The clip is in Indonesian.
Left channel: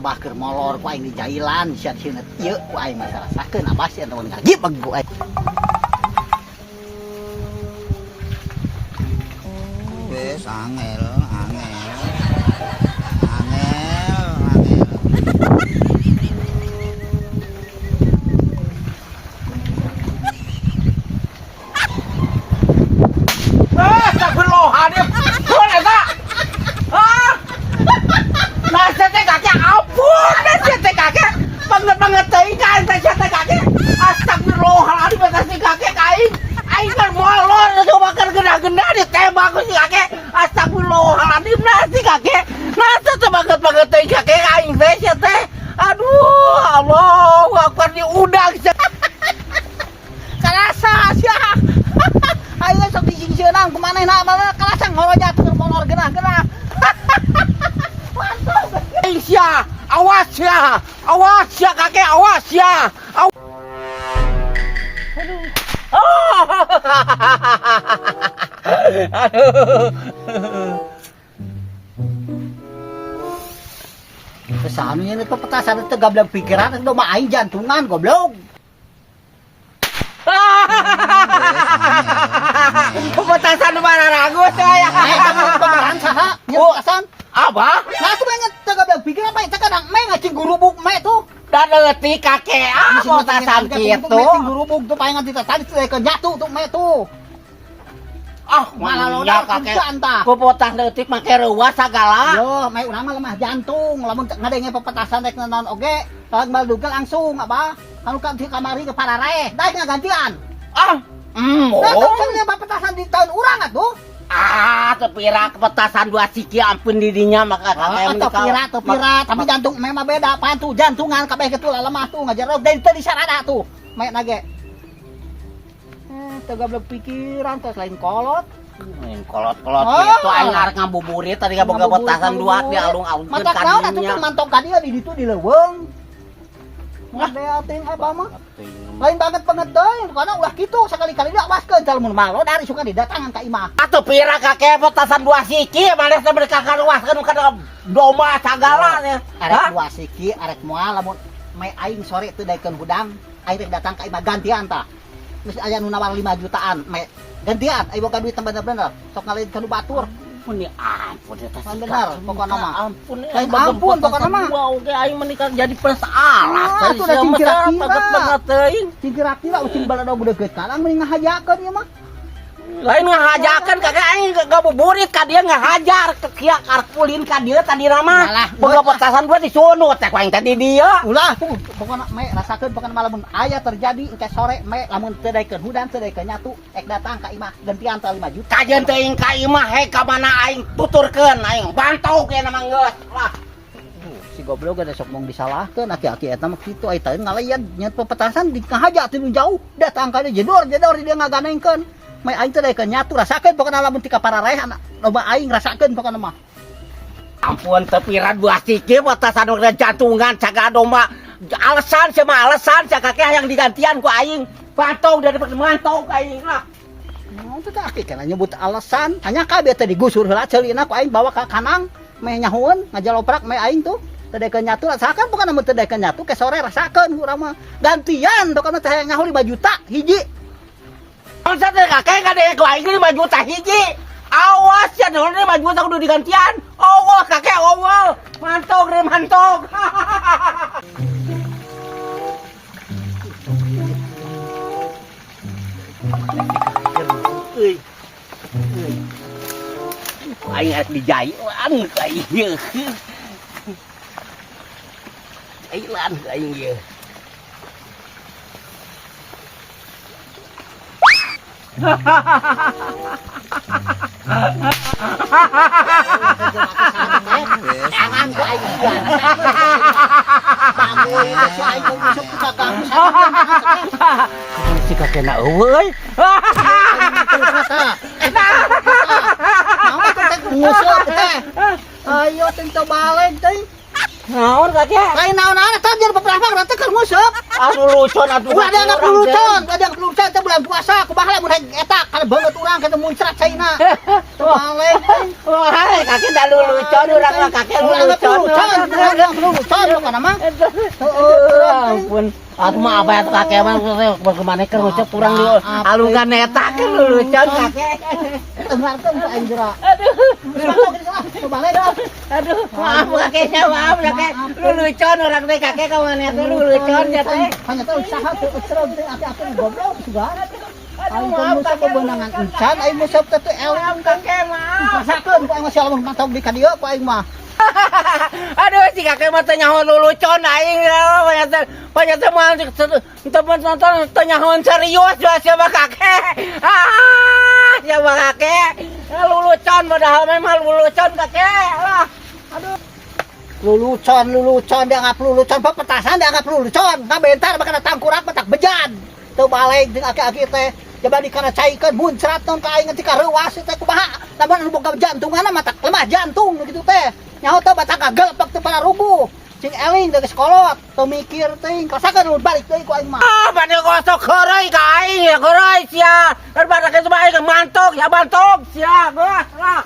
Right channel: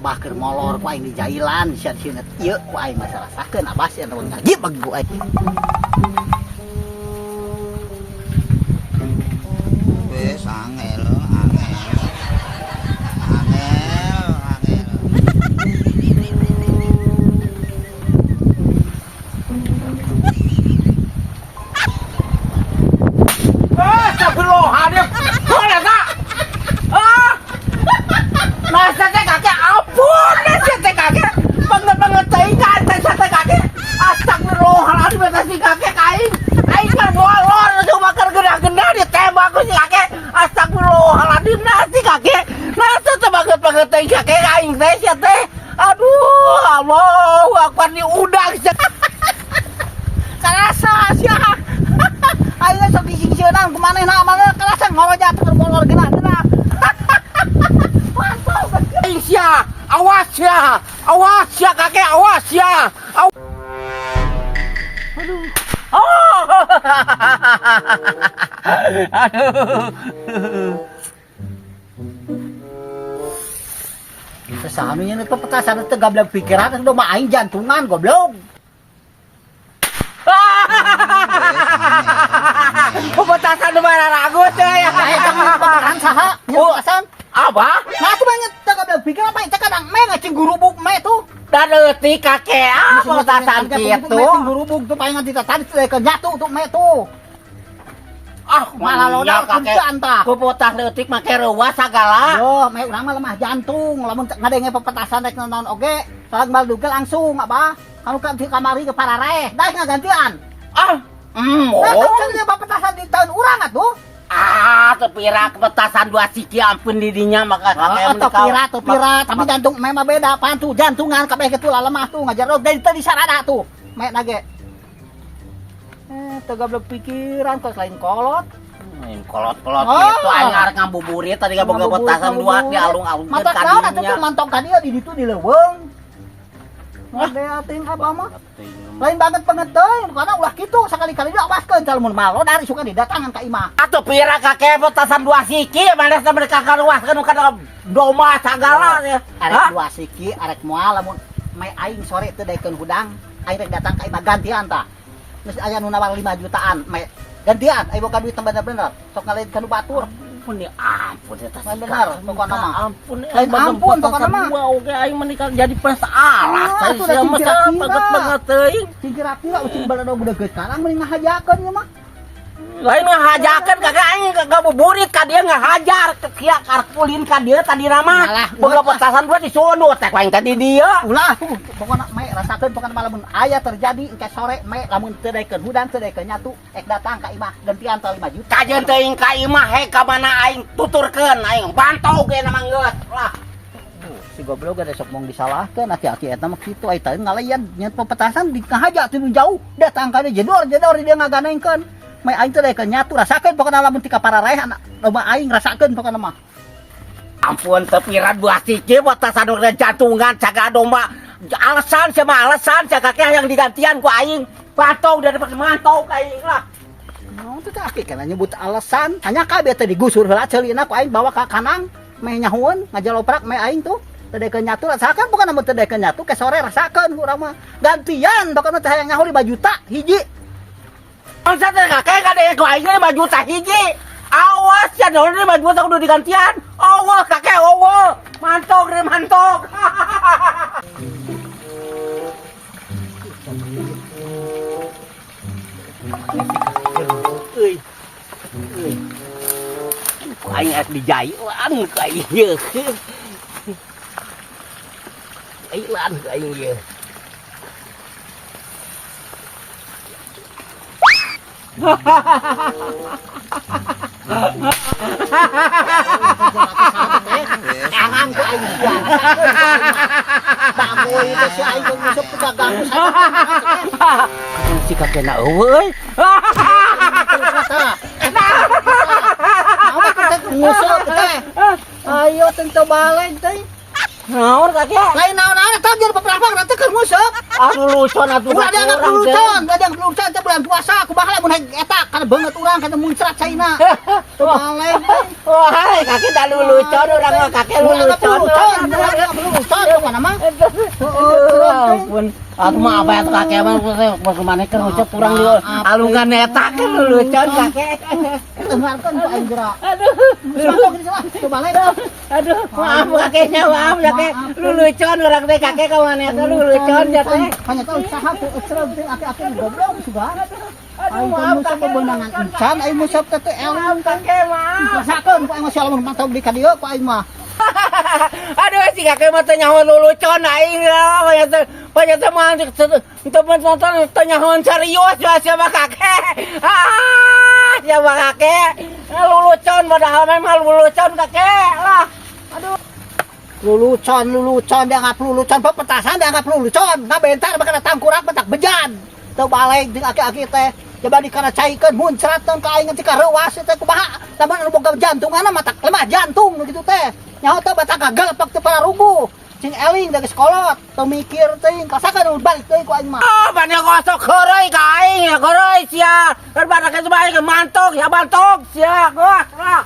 abah keur molor ku aing di jailan sia sieuna ieu ku aing masalah sakeun abah sia naon ngagib bagi ku aing. Wes angel. Astagfirullahaladzim. Mana tak? Nasi teh kakek ampun, nasi teh kakek banget teuing kan nasi teh kakek. Astagfirullahaladzim nasi kakek aing. Aing kan molor coba keur genah-genah ditembak ku si kakek. Astagfirullahaladzim nasi kakek. Nasi teh banget teuing kakek aing teh sia teh. Aduh, Allahu Akbar diudang sia. Karasa sia. Ayo sok disingsieunan kumanehna mah kalasa ngorojak molor genah-genah. Sia, awas ya kakek, awas ya. Aduh. Oh. Aduh. Sesaminya itu petasan itu gablek pikiran itu mah aing jantungan goblok. Petasan mana ragu saya. Aing kamu petasan saha? Petasan apa? Nah aku banget gablek pikir apa eta kadang me ngacing gurubuk me tuh. Da leutik kakek petasan kitu. Ngacing gurubuk tuh paengan ditatan teh jatuh tuh me tuh. Ah, malah lodar kakek. Pepotah leutik make reuwas sagala. Yo, me urang mah lemah jantung, lamun ngadenge pepetasan rek naon oge, salag baldugel langsung apa? Anu ka di kamari ke pararaeh, da gantian. Ah, nah, kan pepetasan di tahun urang atuh. Ah, tepira petasan dua siki ampun didinya maka kakek tepira, tapi jantung me mah beda, apaan tuh? Jantungan kabeh kitu lemah tuh ngajar dari tadi sarada tuh. Me nage. Teu gablek pikiran kok lain kolot. Main kolot-kolot kitu aing arek ngabuburit tadi boga petasan dua di alung-alung ke kadinya. Mata naon atuh mantok ka dieu di ditu di leuweung. Ngadeatin abah mah. Lain banget pengeteuy, karena ulah kitu sakali-kali diawaskeun cal mun malo dari suka didatangan ka imah. Atuh pira kakek petasan dua siki manes mereka kaluaskeun kana domba sagala. Arek dua siki arek moal lamun mae aing sore teu daekeun hudang, aing rek datang ka imah gantian tah. Geus aya nu nawar 5 jutaan, mae gantian aya boga duit bener-bener sok ngaleun kana batur. Ampun ya ampun ya tas bener pokona mah. Ampun pokona mah. Oke aing menikah jadi pesalah. Itu udah banget teuing. Kira-kira ucing balado budegeut karang mending ngahajakeun ieu mah. Lain ngahajakeun kakek aing ngabuburit ka dieu ngahajar kieu karpulin ka dieu tadi mah. Boga petasan dua disunut teh ku aing tadi dieu. Ulah pokona me rasakeun pokona malamun aya terjadi engke sore me lamun teu daekeun hudang teu daekeun nyatu ek datang ka imah gantian 5 juta. Kajeun teuing ka imah he ka mana aing tuturkeun aing bantau ge na manggeus. Lah. Si goblok ada sok mong disalahkeun aki-aki eta mah kitu ai teuing ngalayan nyet pepetasan di ngahaja teu jauh datang ka dieu jedor dia ngaganengkeun. Mai aing teh daekeun nyatu rasakeun pokona lamun ti ka pararaeh loba aing rasakeun pokona mah. Ampun teu pira dua siki petasan urang jantungan caga domba. Alasan sama alasan kakek yang digantian ku aing. Pantau dari mantau ka aing lah. Naon teh kakek kana nyebut alasan? Hanya kabeh teh digusur heula ceulina ku aing bawa ka kanang meh nyahueun ngajaloprak meh aing tuh. Teu daekeun nyatu rasakeun pokona mun teu daekeun nyatu ke sore rasakeun urang mah. Gantian pokona teh nyaho 5 juta hiji. Masa teh kakek kadek ku aing 5 juta hiji. Awas ya dong 5 juta kudu digantian. Allah kakek Allah. Mantok deh mantok. Aing es dijailan ka aing ye. Jailan ka aing ye. Jangan ku aing biar. Bangun itu si aing masuk ke dagang. Si kakek na eueuy. Ayo tentu balen teh. Naon kakek? Lain naon-naon tah jeung beberapa rata keur nguseup. Lelucon atuh. Ulah dia nggak lelucon, teh bulan puasa, kumaha lamun hayang eta kana beungeut urang kana muncrat caina. Tuh balik. Wah, kakek dah lelucon urang mah kakek lelucon. Lelucon kana mah. Ampun. Atuh mah apa eta kakek mah bagaimana keur ngucap urang di alungan eta ke lelucon kakek. Dengarkan ku aing geura. Tuh balik. Aduh, maaf kakeknya, maaf kakek. Lelucon urang teh kakek ka mana eta lelucon ya teh. Hanya tahu saha teu cereuh teh ati-ati goblok juga. Aduh, Aing maaf musab kakek. beunangan encan, aing musab teh Maaf kakek, maaf. rasakeun ku aing masih lamun mantau di ka dieu ku aing mah. Aduh, si kakek mah teh nyaho lelucon aing banyak teh mah teman-teman teh nyaho serius siapa kakek. Siapa kakek? Lelucon padahal memang lelucon kakek lah. Aduh. Lelucon dianggap lelucon pepetasan dianggap lelucon. Ngabentar bakal tangkurak batak bejan. Teu balik jeung aki-aki teh coba dikana caikeun muncrat naon ka aing tika reuas teh kumaha. Lamun anu boga jantunganna matak lemah jantung kitu teh. Nyaho teh batak gagelpak teh para rubuh. Cing eling dari sekolot, teu mikir teuing kasakan nu balik teuing ku aing mah. Bade gosok heureuy ka aing ya heureuy sia. Kan badak itu mah aing mantok ya mantok sia. Lah.